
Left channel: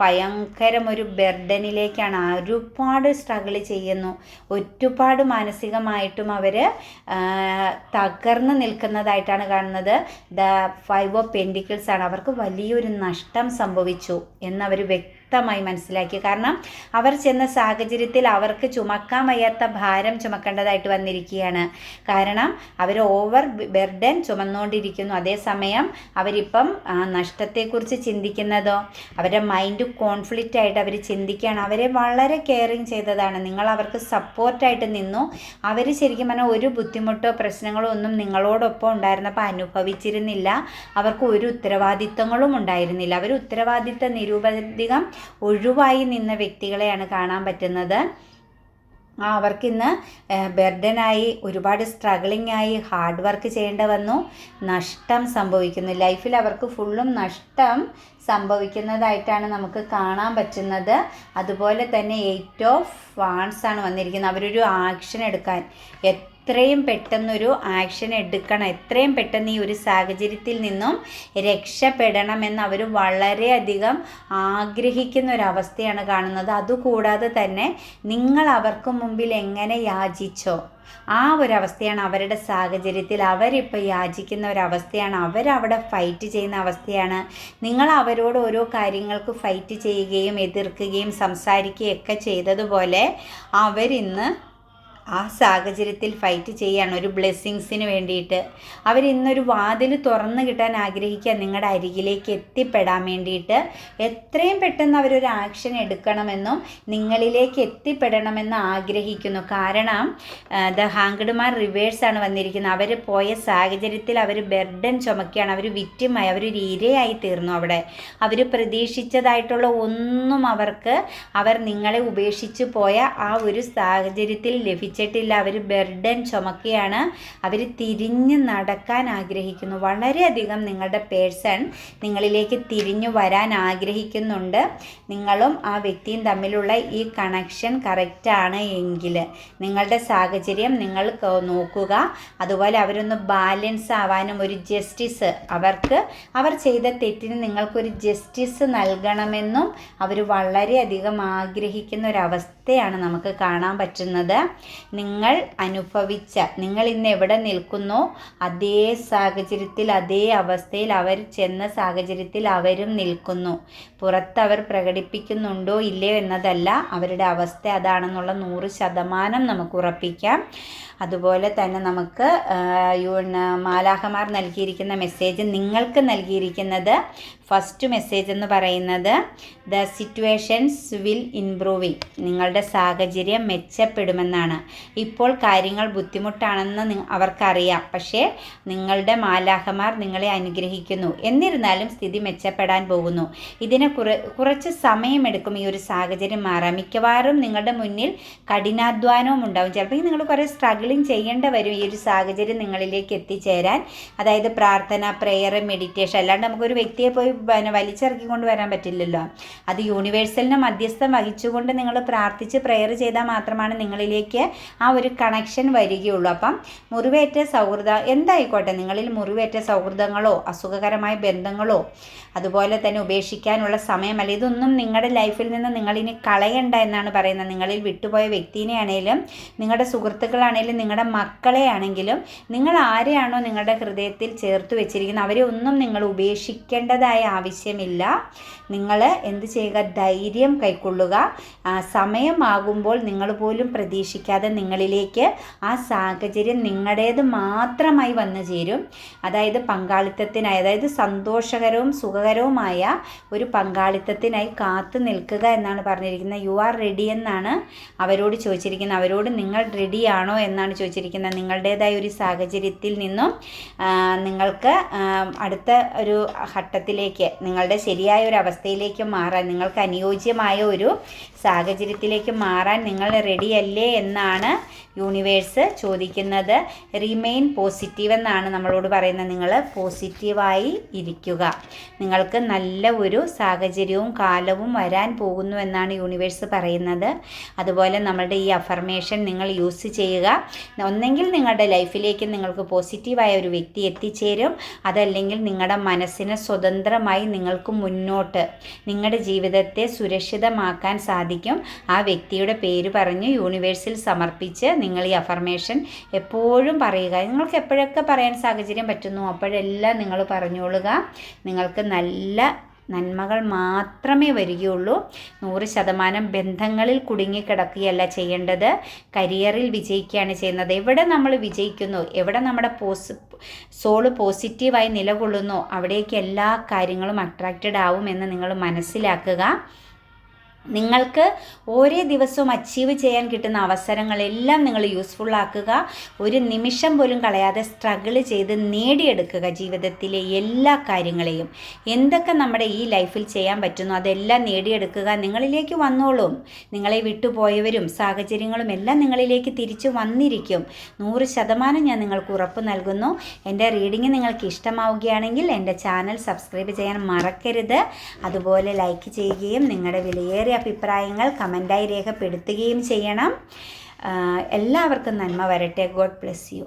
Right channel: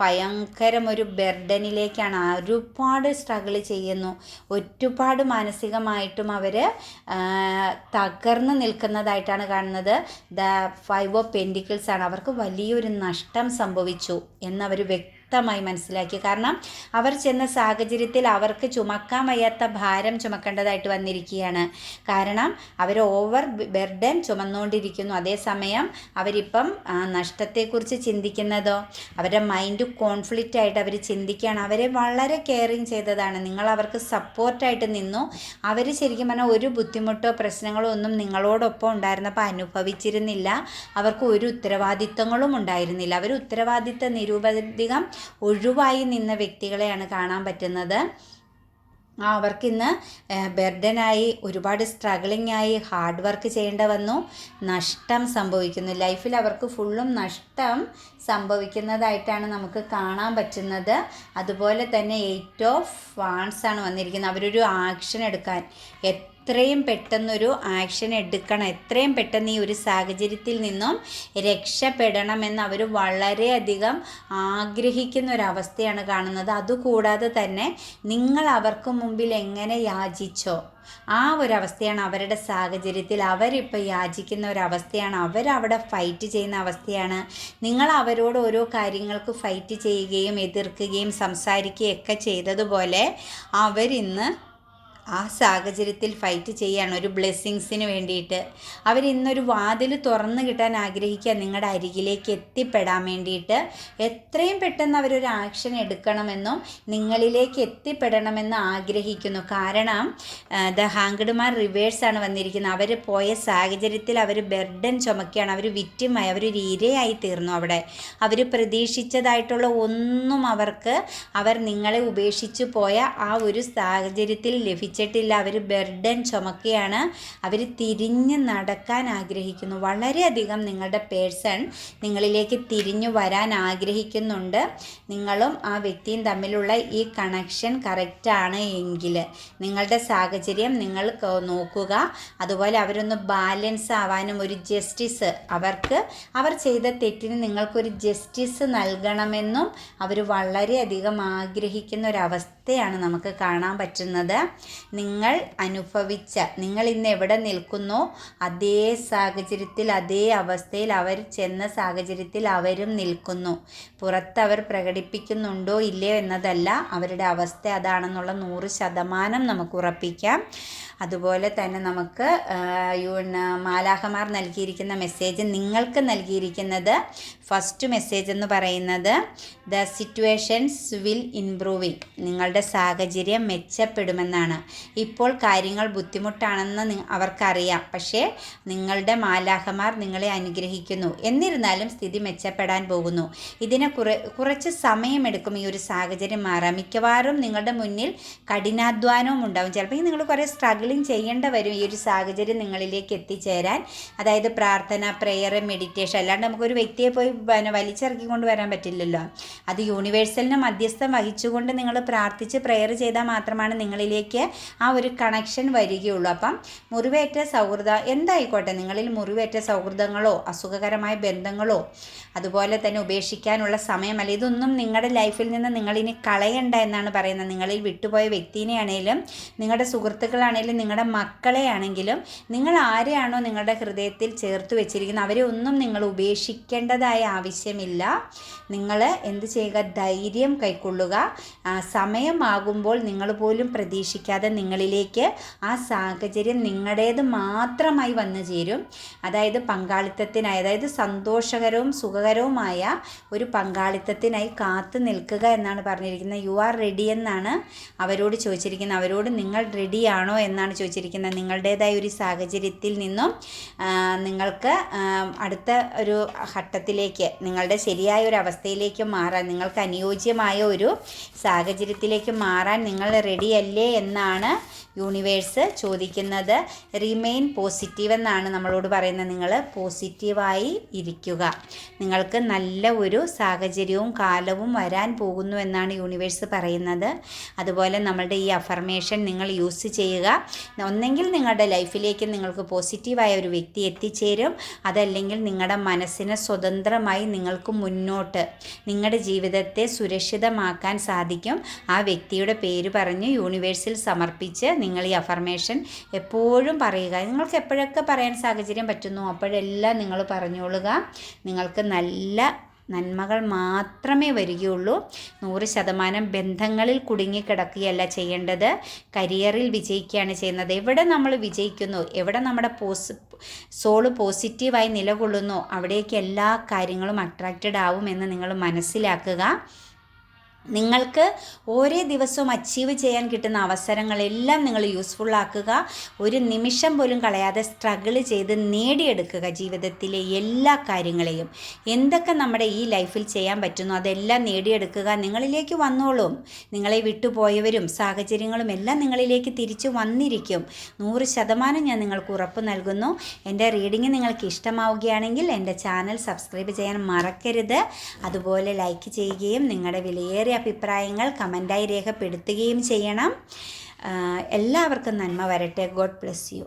ഭയങ്കരം ഒരു ബെർഡനിലേക്കാണ്. ഒരുപാട് സ്ട്രഗിൾ ചെയ്യുന്നു. ഒരുപാട് മാനസികമായിട്ടും അവർ തകർന്ന് നിൽക്കുന്നതായിട്ടാണ് കാണുന്നത്. ദ ഫൈവ് ഓഫ് പെൻഡിക്കിൾസ് ആണ് അവർക്ക് വലിയൊരു നഷ്ടം സംഭവിച്ചു എന്നവർ വ്യക്തി വ്യക്തമായി മനസ്സിലാക്കി. കാരണം അവർ ചെന്ന സാഹചര്യത്തിൽ അവർക്ക് ചുമക്കാൻ വയ്യാത്ത ഭാരം ചുമക്കേണ്ടതായിട്ട് വന്നിരിക്കുകയാണ്. കാരണം അവർ ഓവർ ബെർഡൻ ചുമന്നുകൊണ്ടിരിക്കുന്നു. അതേസമയം അവരിപ്പം നഷ്ടത്തെക്കുറിച്ച് ചിന്തിക്കുന്നതോ അവരുടെ മൈൻഡ് കോൺഫ്ലിക്റ്റ് ആയിട്ട് അവർ ചിന്തിക്കുകയാണ്. അവരെ വളരെ കെയറിങ് ചെയ്തതാണ്. നിങ്ങൾ അവർക്ക് സപ്പോർട്ടായിട്ട് നിന്നു. അവർ ശരിക്കും പറഞ്ഞാൽ ഒരു ബുദ്ധിമുട്ടോ പ്രശ്നങ്ങളോ ഒന്നും നിങ്ങളോടൊപ്പം ഉണ്ടായിരുന്നപ്പോൾ അനുഭവിച്ചിരുന്നില്ല. അവർക്ക് ഒരു ഉത്തരവാദിത്തങ്ങളും ഉണ്ടായിരുന്നില്ല. അവർ ഉത്തരവാദിത്ത നിരൂപധികം ഒഴിവായി നിന്ന വ്യക്തികളെയാണ് കാണാൻ പറ്റുന്നത്. അവർക്കിന്ന് ബെർഡനായി ഒരുപാട് സ്ട്രഗിളിംഗ് ആയി ഹാർഡ് വർക്ക് ചെയ്യേണ്ട വന്നു. നഷ്ടം സംഭവിക്കുന്നു. ലൈഫിൽ അവർക്ക് ഫുള്ളും നഷ്ടം സംഭവിക്കുന്നതായിട്ടാണ് നമുക്ക് കാണാൻ പറ്റുന്നത്. അതുപോലെ തന്നെ എയ്റ്റ് ഓഫ് വാൺസ് ആണ് വന്നിരിക്കുന്നത്. അവരൊരു ആക്ഷൻ എടുക്കാൻ എത്രയും പെട്ടെന്നൊരു ആക്ഷൻ എടുക്കണം. എത്രയും പെട്ടെന്ന് ഈ ഒരു സാഹചര്യത്തിൽ നിന്നും രക്ഷപ്പെടണമെന്ന് അവർ വളരെയധികം ആഗ്രഹിക്കുന്ന ഒരവസ്ഥയാണ് കാണുന്നത്. അതുകൂടാതെ തന്നെ നിങ്ങൾ അവർക്ക് മുമ്പിൽ എങ്ങനെ യാചിച്ചോ ആ ഒരു അവസ്ഥയാണ് അവരുടെ സാഹചര്യത്തിൽ. അവരിപ്പോൾ യാചിക്കുന്ന ഒരവസ്ഥയാണ് അവരവിടെ ഫൈറ്റ് ചെയ്യുന്ന അവസ്ഥയാണ്. നിങ്ങൾ അവരോട് ഓരോ കാര്യങ്ങൾക്ക് ഫൈറ്റ് ചെയ്യുകയും എതിർക്കുകയും സംസാരിക്കുകയും ഒക്കെ ചെയ്തതുപോലെ അവരിന്ന് ആ സാഹചര്യത്തിൽ ഫൈറ്റ് ചെയ്യാണ്. ഒരു ബ്ലെസ്സിങ്സിന് വേണ്ടിയിട്ട്. അവരിന്നൊരു വാതിൽ തുറന്നു കിട്ടാൻ ആഗ്രഹിക്കുക. നിങ്ങളുടെ അരികിലേക്ക് എത്തിപ്പെടാൻ വേണ്ടിയിട്ട് എത്രയും പെട്ടെന്ന് അവരൊരു ആക്ഷൻ എടുക്കണമെന്നും നിങ്ങളിലേക്ക് എത്തിപ്പെടണമെന്ന് ആഗ്രഹിക്കുന്നു. കാരണം ദ ഹാങ്ക്ഡ്മാർ റിവേഴ്സാണ് വന്നിരിക്കുന്നത്. അവർ പോയ സാഹചര്യത്തിൽ അവർ ബെർഡൻ ചുമക്കുകയാണ്. അവർ വിറ്റുമായി അവരൊരു ഇരയായി തീർന്നു അവിടെ. അവർ പ്രതീക്ഷിച്ചതായിട്ടുള്ള ഒന്നും അവർക്ക് അവർ നിങ്ങളെ ഉപേക്ഷിച്ച് പോയ ആ ഒരു സാഹചര്യത്തിൽ ലഭിച്ചു ലഭിച്ചിട്ടില്ല അവർ ബെർഡൻ ചുമക്കുകയാണ് അവർ തിരിഞ്ഞ് നടക്കാൻ ആഗ്രഹിക്കുന്നു. വളരെയധികം നിങ്ങളുടെ പേഴ്സൺ നിങ്ങളിലേക്ക് തിരിഞ്ഞു വരാൻ ആഗ്രഹിക്കുന്നുണ്ട്. നിങ്ങളും ആ വ്യക്തിയും തമ്മിലുള്ള ഈ കണക്ഷൻ കറക്റ്റാണ് എങ്കിൽ നിങ്ങളുടെ സാഹചര്യം നിങ്ങൾ നോക്കുക. അതുപോലെ അവരൊന്ന് ബാലൻസ് ആവാനും ഒരു ജസ്റ്റിസ് അവർക്ക് അവർ ചെയ്ത തെറ്റിന് നിങ്ങൾക്കൊരു ജസ്റ്റിസ് നൽകണമെന്നും അവർ വളരെയധികം ആഗ്രഹിക്കുന്ന ഒരവസ്ഥയാണ് നമുക്ക് കാണാൻ പറ്റുന്നത്. നിങ്ങൾ അനുഭവിച്ച നിങ്ങൾ ഇന്ന് എവിടെ നിൽക്കുന്നോ അതേ സാഹചര്യത്തിൽ അതേ അവസ്ഥയിൽ അവർ ചെന്ന സാഹചര്യത്തിൽ അവരും നിൽക്കുന്നു. പുറത്ത് അവർ പ്രകടിപ്പിക്കുന്നുണ്ടോ ഇല്ലയോ എന്നതല്ല അവരുടെ അവസ്ഥ അതാണെന്നുള്ള നൂറ് ശതമാനം നമുക്ക് ഉറപ്പിക്കാം. അതുപോലെ തന്നെ നമുക്ക് മാലാഹമാർ നൽകിയിരിക്കുന്ന മെസ്സേജ് നിങ്ങൾക്ക് നൽകിയിരിക്കുന്നത് ഫസ്റ്റ് മെസ്സേജ് എന്ന് പറയുന്നത് ദ സിറ്റുവേഷൻസ് വിൽ ഇംപ്രൂവിങ് നിങ്ങളുടെ സാഹചര്യം മെച്ചപ്പെടുമെന്നാണ്. ഇപ്പോൾ കാര്യങ്ങൾ ബുദ്ധിമുട്ടാണെന്ന് അവർക്കറിയാം. പക്ഷേ നിങ്ങളുടെ മാലാഹമാർ നിങ്ങളെ അനുഗ്രഹിക്കുന്നു. എന്നിരുന്നാലും സ്ഥിതി മെച്ചപ്പെടാൻ പോകുന്നു. ഇതിന് കുറ കുറച്ച് സമയമെടുക്കും ഈ ഒരു സാഹചര്യം മാറാൻ. മിക്കവാറും നിങ്ങളുടെ മുന്നിൽ കഠിനാധ്വാനവും ഉണ്ടാവും. ചിലപ്പോൾ നിങ്ങൾ കുറേ സ്ട്രഗിളിങ് ചെയ്യേണ്ട വരും ഈ ഒരു സാഹചര്യം നിങ്ങളിലേക്ക് എത്തിച്ചേരാൻ. അതായത് പ്രാർത്ഥന പ്രെയർ മെഡിറ്റേഷൻ അല്ലാണ്ട് നമുക്കൊരു വ്യക്തിയെ പോയി പിന്നെ വലിച്ചിറക്കിക്കൊണ്ട് വരാൻ പറ്റില്ലല്ലോ. അത് യൂണിവേഴ്സലിന് മധ്യസ്ഥം വഹിച്ചുകൊണ്ട് നിങ്ങൾ പ്രാർത്ഥിച്ച് പ്രെയർ ചെയ്താൽ മാത്രമാണ് നിങ്ങളിലേക്ക് ആ ഒരു കണക്ഷൻ വരികയുള്ളൂ. അപ്പം മുറിവേറ്റ സൗഹൃദ എന്തായിക്കോട്ടെ? നിങ്ങളിൽ മുറിവേറ്റ സൗഹൃദങ്ങളോ അസുഖകരമായ ബന്ധങ്ങളോ അതുപോലെ തന്നെ ഉപേക്ഷിക്കാനുള്ള സമയമല്ല. ഇതൊന്നും നിങ്ങളുടെ ലൈഫിൽ നിന്ന് നിങ്ങളിനി കളയണ്ട എന്നാണ് പറയുന്നത്. നിങ്ങളിൽ വിട്ടുപോയ വ്യക്തിനെ ആണെങ്കിലും നിങ്ങളുടെ സുഹൃത്തുക്കളാണെങ്കിലും നിങ്ങളുടെ മക്കളെ ആണെങ്കിലും നിങ്ങൾ ആരെയാണോ നിങ്ങളുടെ ഹൃദയത്തിൽ ചേർത്ത് വെച്ചിരിക്കുന്നത് അവരെ ഒന്നും നിങ്ങൾ ഉപേക്ഷിക്കേണ്ടതായ ആവശ്യമില്ല. നിങ്ങൾ എന്ത് ചെയ്യുക? ധൈര്യം കൈക്കൊള്ളുക. സമയമാകുമ്പോൾ നിങ്ങൾ പോലും പ്രതീക്ഷിക്കാതെ നിങ്ങളിലേക്ക് ആ സാഹചര്യം നിങ്ങളുടേത് മാത്രമായി വന്നു ചേരും. അതായത് പങ്കാളിത്തത്തിനായി അതായത് സന്തോഷകരവും സുഖകരവുമായ ഒരു പങ്കാളിത്തത്തിനായി കാത്തു നിൽക്കുക എന്നാണ് പറഞ്ഞിരിക്കുന്നത്. യു ആർ റെഡി എന്നാണ് അവരോട് ചോദിച്ചിരിക്കുന്നത്. അവരോട് നിങ്ങൾ റെഡിയാണോ എന്നാണ് ചോദിച്ചിരിക്കുന്നത്. നിങ്ങളുടേതായ ഒരു സാഹചര്യത്തിൽ നിന്നും നിങ്ങൾക്ക് അടുത്ത ഒരു ഘട്ടത്തിലേക്ക് നിങ്ങളുടെ ശരിയായ ഒരു അവസ്ഥയിലേക്ക് മാറാൻ നിങ്ങൾക്ക് അനുയോജ്യമായ ഒരു സാഹചര്യത്തിലേക്ക് മാറാൻ നിങ്ങൾ റെഡിയല്ലേ എന്നാണ് യൂണിവേഴ്സ് ചോദിക്കുന്നത്. റിമെയിൻ പോസിറ്റീവ് എന്നാണ് നമ്മളോട് പറയുന്നത്. നിങ്ങൾ പോസിറ്റീവായി ഇരിക്കുക. നിങ്ങൾക്ക് നല്ല ഒരു സാഹചര്യവും കാലവും വരാൻ പോകുന്നു എന്നാണ് യൂണിവേഴ്സ് പറയുന്നത്. അതുപോലെ നമ്മളുടെ ഈ അഫർമേഷൻ നിങ്ങൾ യൂസ് ചെയ്യുക. ഒന്നെങ്കിൽ നിങ്ങളുടെ ലൈഫിലേക്ക് നിങ്ങൾക്ക് പോസിറ്റീവായ ഒരു വ്യക്തി എത്തിച്ചേരും. അതല്ലെങ്കിൽ നിങ്ങളുടെ മനസ്സിനെ സ്വതന്ത്രമായി നിങ്ങൾക്ക് മുന്നോട്ട് നിങ്ങളുടെ ജീവിതത്തെ സുരക്ഷിതമാക്കാൻ സാധിക്കും. ആ വ്യക്തിയുടെ പേര് പറഞ്ഞ് യൂണിവേഴ്സിൽ സമർപ്പിച്ച് നിങ്ങൾ ഈ അഫർമേഷൻ എപ്പോഴും പറയുക. നിങ്ങൾക്ക് എപ്പോഴൊക്കെ പറയാൻ സാഹചര്യം പറ്റുന്നു അപ്പോഴെല്ലാം നിങ്ങൾ പറഞ്ഞോളുക നിങ്ങൾക്ക് നല്ല നന്മകൾ മാത്രമേ വരികയുള്ളൂ. നൂറ് ശതമാനം ബന്ധങ്ങളിൽ കുടുങ്ങിക്കിടക്കുകയല്ല ചെയ്യേണ്ടത്. കരിയറിൽ വിജയിക്കുകയാണ് ചെയ്യുന്നത്. എവിടെ നമ്മൾ വിജയിക്കുന്നു? എവിടെ നമ്മുടെ പോസ് സോൾ പോസിറ്റീവായി നിലകൊള്ളുന്നു? അവിടേക്ക് എല്ലാ കാര്യങ്ങളും അട്രാക്റ്റഡ് ആവുമെന്ന് നിങ്ങൾ മനസ്സിലാക്കുക. നിങ്ങൾക്ക് ഓരോ ദിവസവും അച്ചീവ് ചെയ്യാൻ കിട്ടുന്ന അവസരങ്ങളെല്ലാം നിങ്ങൾ യൂസ്ഫുൾ ആക്കുക. ഒരു നിമിഷം പോലും കളയാതെ സ്ട്രഗിൾ ചെയ്ത് നേടിയെടുക്കുക ജീവിതത്തിലെ എല്ലാ കാര്യങ്ങളെയും. എന്തൊക്കെ നമ്മുടെ ഈ ലൈഫിൽ ചെയ്യാൻ പറ്റുന്നു അതെല്ലാം നേടിയെടുക്കുക നിങ്ങളിലേക്ക് വന്നോളും. നിങ്ങളെ വിട്ടുപോയവരും സാഹചര്യങ്ങളും എല്ലാം നിങ്ങളിലേക്ക് തിരിച്ചു വന്നിരിക്കും. നൂറ് ശതമാനം ഞാൻ നിങ്ങൾക്ക് ഉറപ്പ് നൽകുന്നു. എന്റെ റീഡിങ് നിങ്ങൾക്ക് ഇഷ്ടമാവുകയാണെങ്കിൽ എന്റെ ചാനൽ സബ്സ്ക്രൈബ് ചെയ്യാൻ മറക്കരുത്. അതുപോലെ ലൈക്ക് ചെയ്യുകയും നിങ്ങളുടെ വിലയേറിയ അഭിപ്രായങ്ങൾ കമന്റായി രേഖപ്പെടുത്തുകയും ചെയ്യണം. എല്ലാവർക്കും നന്മ വരട്ടെ. God bless you.